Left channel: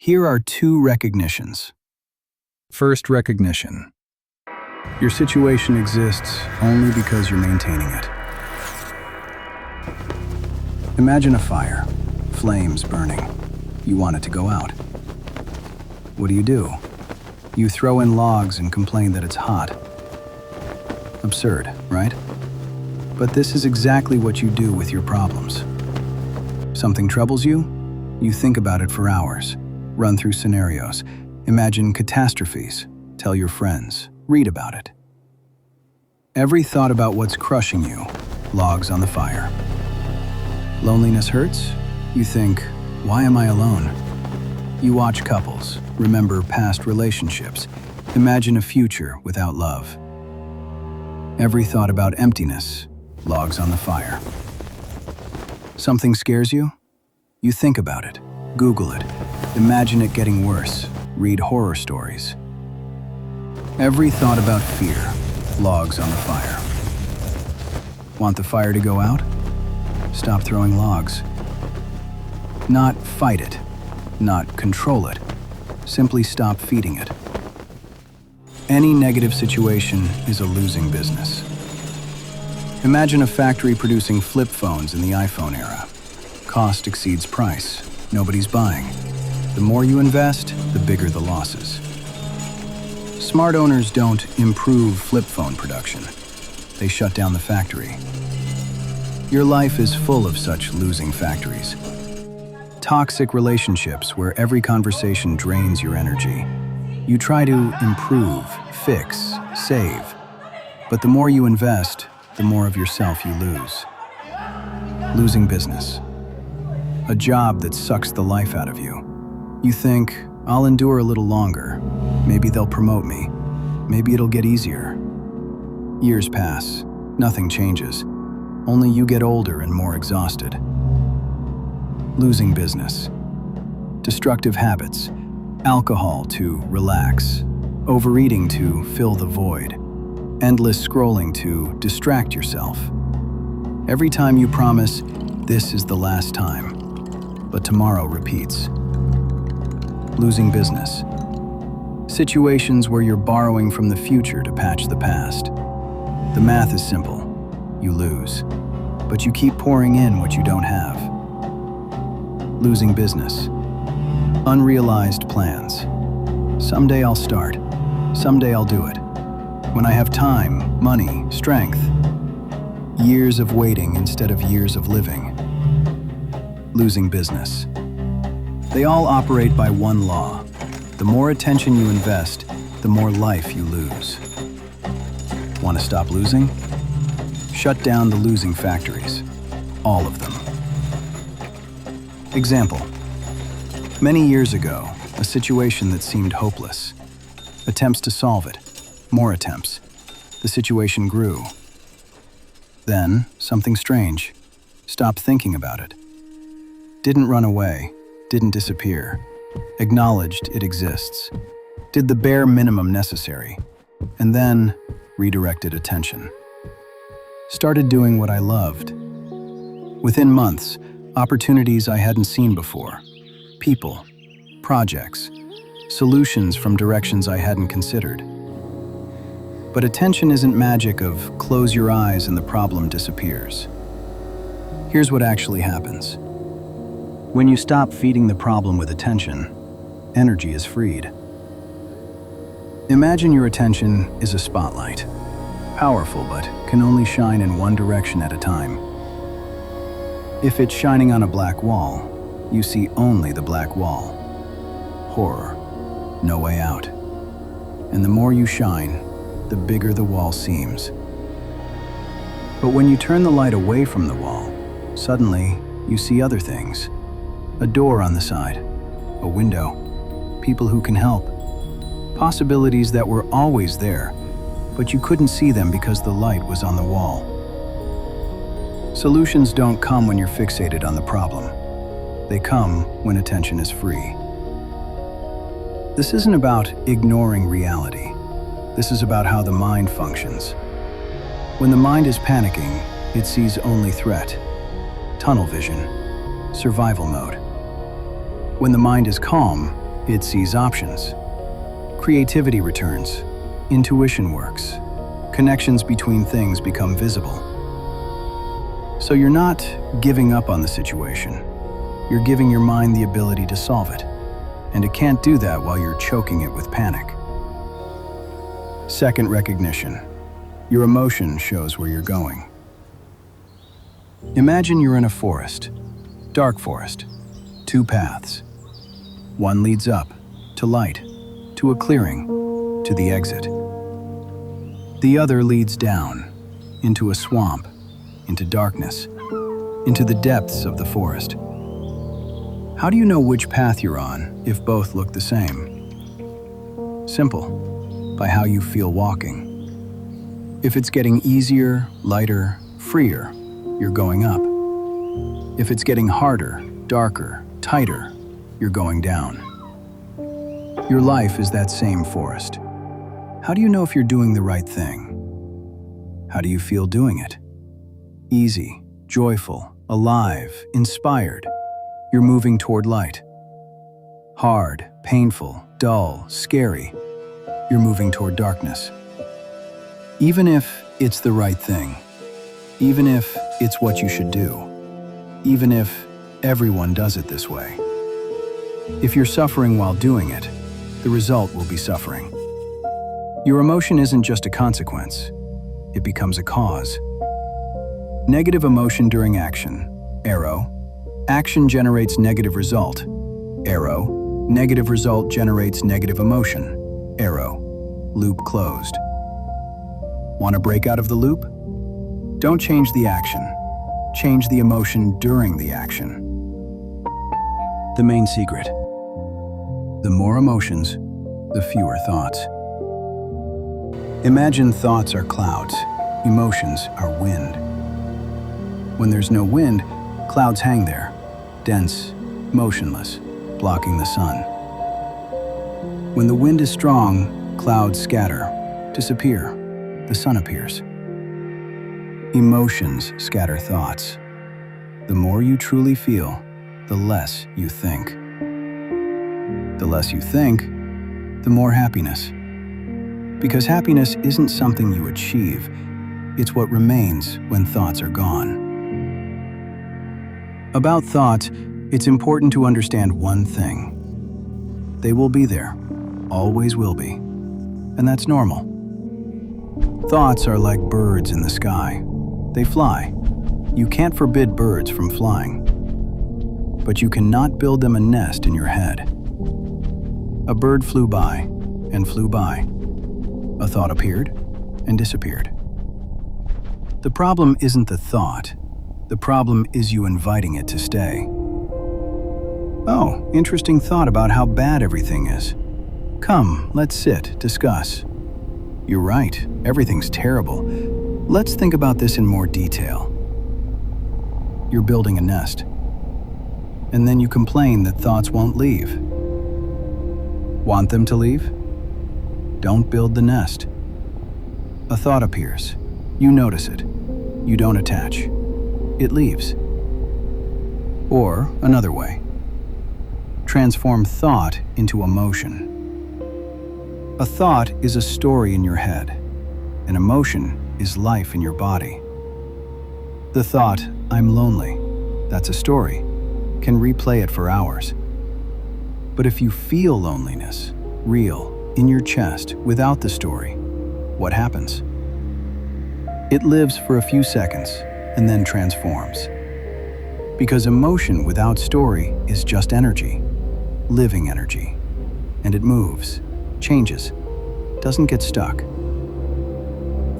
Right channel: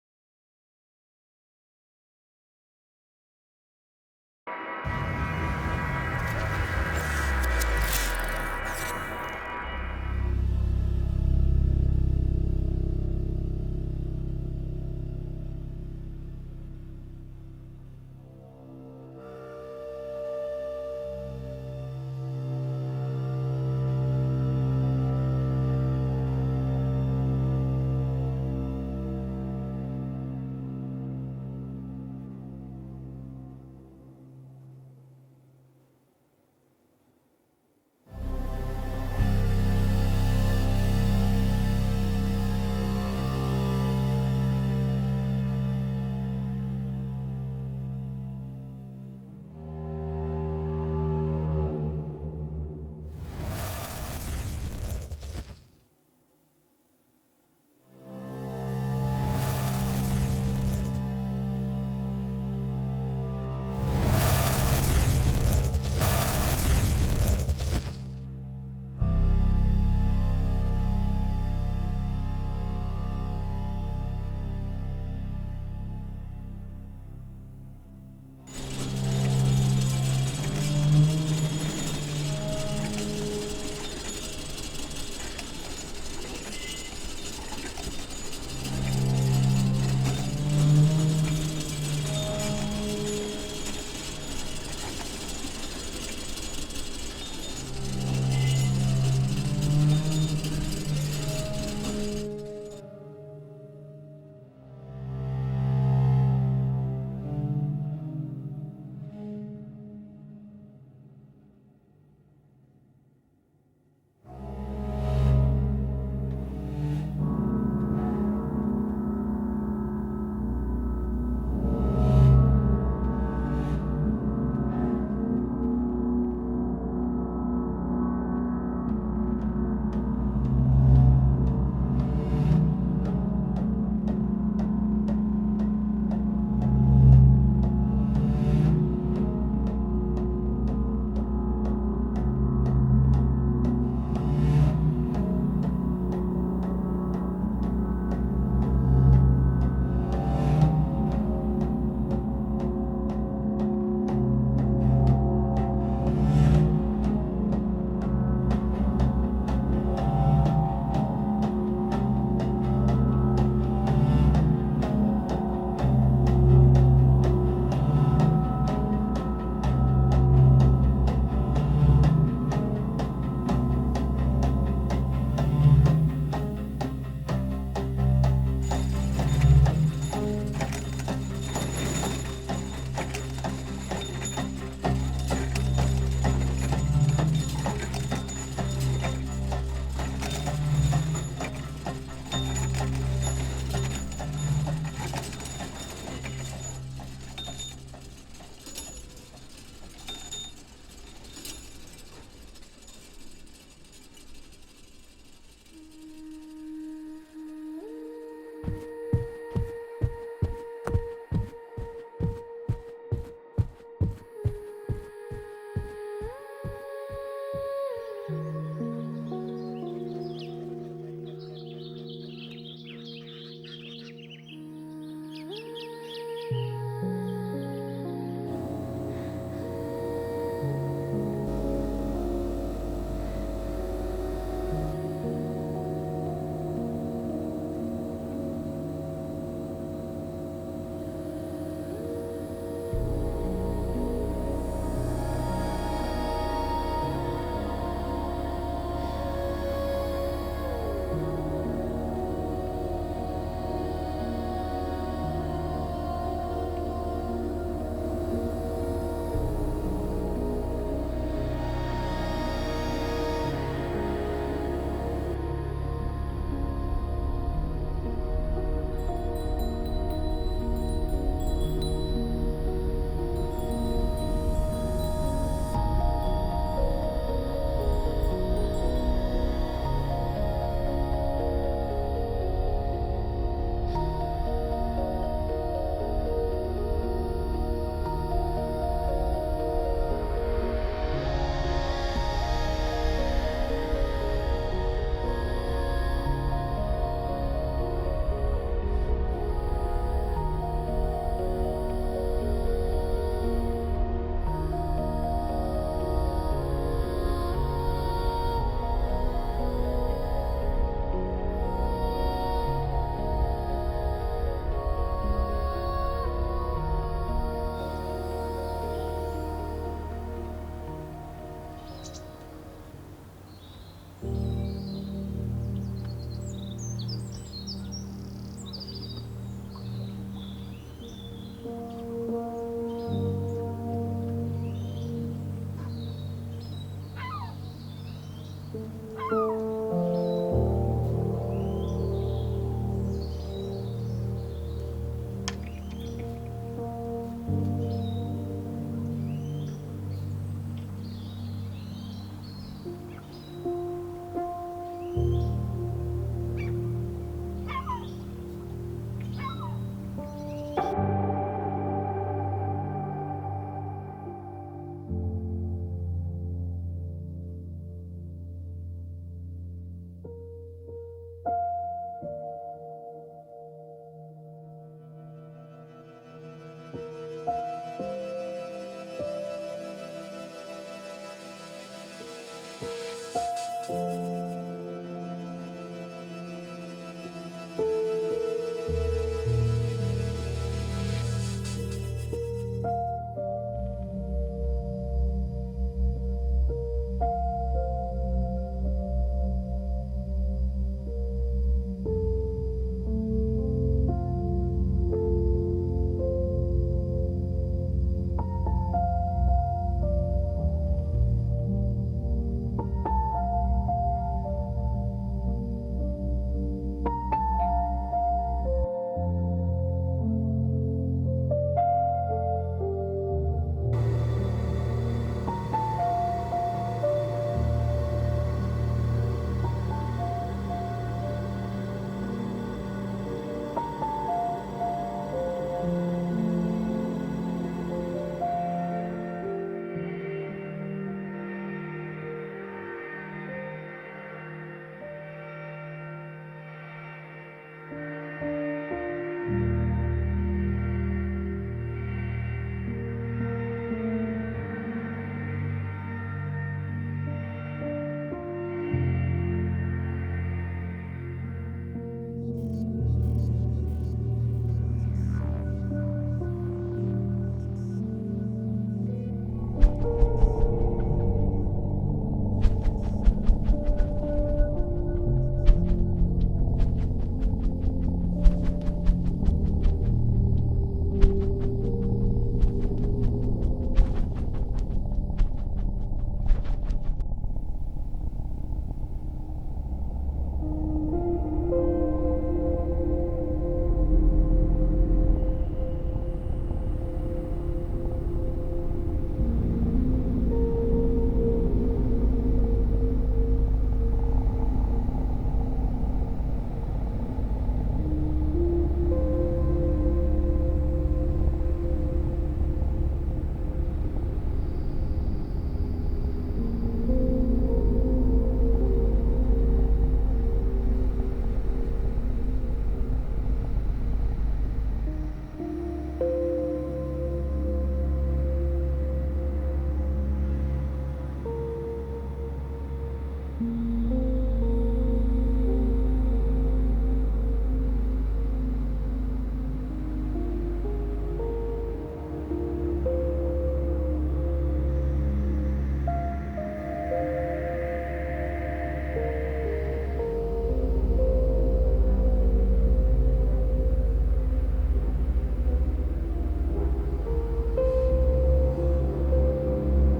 Here are two recognitions. First recognition. Your situation exists only because you're maintaining it. Imagine a fire, flames burning. You want it to go out. What do? You throw in logs and complain that it's hot. Absurd, right? But this is exactly what you do with your problems. Something troubles you? You think about it for hours, run through scenarios, imagine catastrophes, tell your friends, read about it. Every thought about what's crushing you logs on the fire. Loneliness hurts? You think, why am I alone? You watch couples, remember past relationships, imagine a future without love. Every thought about emptiness logs on the fire. Something scares you? You think about it, Google it, imagine it getting worse, read horror stories. Every thought about fear logs on the fire. Want the fire to go out? Stop throwing logs. Not fight it, not control it. Simply stop feeding it. Any negative situation is a losing business. Imagine a factory producing flip phones in the iPhone era. Cost exceeds price. Nobody's buying. The more you invest, the bigger the losses. Smart owners don't improve flip phone production. They shut down the factory. Your life is full of such losing factories. Toxic relationships where every conversation drains your energy. You try to improve, fix, save. But the more you invest, the more of yourself you lose. Losing business. A job that sucks the life out of you. You think, I'll endure a little longer. Maybe they'll promote me. Maybe it'll get easier. Years pass. Nothing changes. Only you get older and more exhausted. Losing business. Destructive habits. Alcohol to relax. Overeating to fill the void. Endless scrolling to distract yourself. Every time you promise, this is the last time, but tomorrow repeats. Losing business. Situations where you're borrowing from the future to patch the past. The math is simple. You lose, but you keep pouring in what you don't have. Losing business. Unrealized plans. Someday I'll start. Someday I'll do it. When I have time, money, strength. Years of waiting instead of years of living. Losing business. They all operate by one law. The more attention you invest, the more life you lose. Want to stop losing? Shut down the losing factories. All of them. Example. Many years ago, a situation that seemed hopeless. Attempts to solve it. More attempts. The situation grew. Then, something strange. Stopped thinking about it. Didn't run away. Didn't disappear. Acknowledged it exists. Did the bare minimum necessary. And then, redirected attention. Started doing what I loved. Within months, opportunities I hadn't seen before. People, projects, solutions from directions I hadn't considered. But attention isn't magic of close your eyes and the problem disappears. Here's what actually happens. When you stop feeding the problem with attention, energy is freed. Imagine your attention is a spotlight. Powerful, but can only shine in one direction at a time. If it's shining on a black wall, you see only the black wall. Horror, no way out. And the more you shine, the bigger the wall seems. But when you turn the light away from the wall, suddenly you see other things. A door on the side, a window, people who can help. Possibilities that were always there, but you couldn't see them because the light was on the wall. Solutions don't come when you're fixated on the problem. They come when attention is free. This isn't about ignoring reality. This is about how the mind functions. When the mind is panicking, it sees only threat, tunnel vision, survival mode. When the mind is calm, It sees options. Creativity returns. Intuition works. Connections between things become visible. So you're not giving up on the situation. You're giving your mind the ability to solve it. And it can't do that while you're choking it with panic. Second recognition. Your emotion shows where you're going. Imagine you're in a forest, dark forest, 2 paths. One leads up, to light, to a clearing, to the exit. The other leads down, into a swamp, into darkness, into the depths of the forest. How do you know which path you're on if both look the same? Simple, by how you feel walking. If it's getting easier, lighter, freer, you're going up. If it's getting harder, darker, tighter, you're going down. Your life is that same forest. How do you know if you're doing the right thing? How do you feel doing it? Easy, joyful, alive, inspired. You're moving toward light. Hard, painful, dull, scary. You're moving toward darkness. Even if it's the right thing, even if it's what you should do, even if everyone does it this way. If you're suffering while doing it, the result will be suffering. Your emotion isn't just a consequence, it becomes a cause. Negative emotion during action, arrow. Action generates negative result, arrow. Negative result generates negative emotion, arrow. Loop closed. Want to break out of the loop? Don't change the action. Change the emotion during the action. The main secret. The more emotions, the fewer thoughts. Imagine thoughts are clouds, emotions are wind. When there's no wind, clouds hang there, dense, motionless, blocking the sun. When the wind is strong, clouds scatter, disappear. The sun appears. Emotions scatter thoughts. The more you truly feel, the less you think. The less you think, the more happiness. Because happiness isn't something you achieve, it's what remains when thoughts are gone. About thoughts, it's important to understand one thing. They will be there, always will be, and that's normal. Thoughts are like birds in the sky. They fly. You can't forbid birds from flying. But you cannot build them a nest in your head. A bird flew by and flew by. A thought appeared and disappeared. The problem isn't the thought. The problem is you inviting it to stay. Oh, interesting thought about how bad everything is. Come, let's sit, discuss. You're right, everything's terrible. Let's think about this in more detail. You're building a nest. And then you complain that thoughts won't leave. Want them to leave? Don't build the nest. A thought appears. You notice it. You don't attach. It leaves. Or another way. Transform thought into emotion. A thought is a story in your head. An emotion is life in your body. The thought, I'm lonely, that's a story, can replay it for hours. But if you feel loneliness, real, in your chest, without the story, what happens? It lives for a few seconds and then transforms. Because emotion without story is just energy, living energy, and it moves, changes, doesn't get stuck.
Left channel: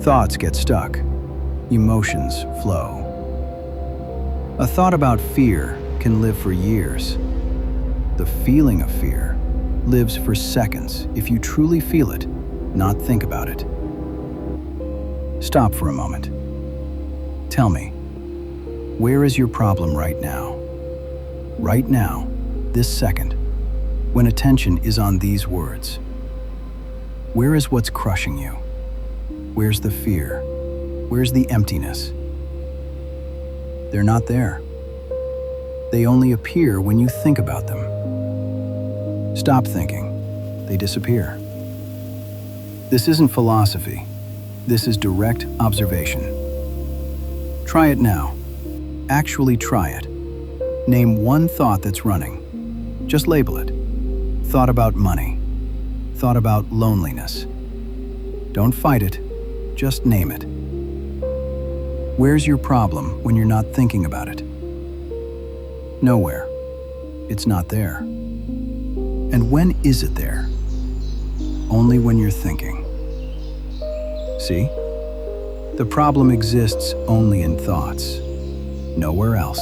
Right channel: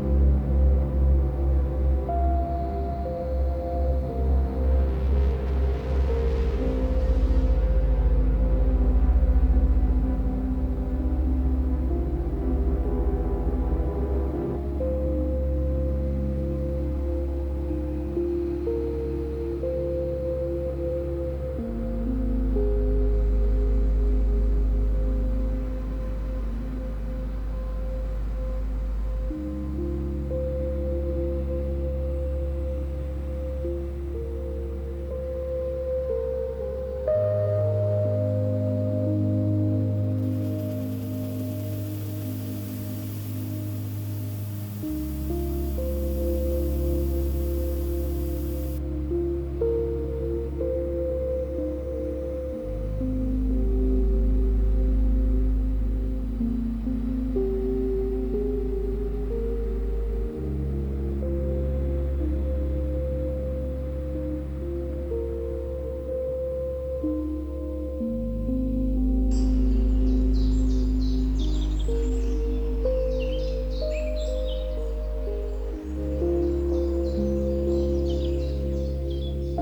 Thoughts get stuck, emotions flow. A thought about fear can live for years. The feeling of fear lives for seconds if you truly feel it, not think about it. Stop for a moment. Tell me, where is your problem right now? Right now, this second, when attention is on these words. Where is what's crushing you? Where's the fear? Where's the emptiness? They're not there. They only appear when you think about them. Stop thinking. They disappear. This isn't philosophy. This is direct observation. Try it now. Actually try it. Name one thought that's running. Just label it. Thought about money. Thought about loneliness. Don't fight it. Just name it. Where's your problem when you're not thinking about it? Nowhere. It's not there. And when is it there? Only when you're thinking. See? The problem exists only in thoughts. Nowhere else.